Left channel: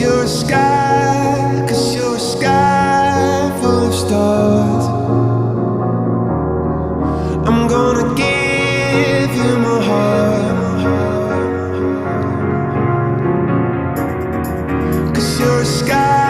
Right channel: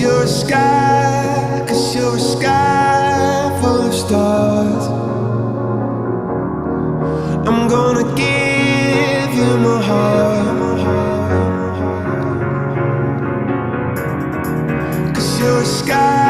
you're a sky, 'cause you're a sky full of stars. I'm gonna give you my heart, 'cause you're a sky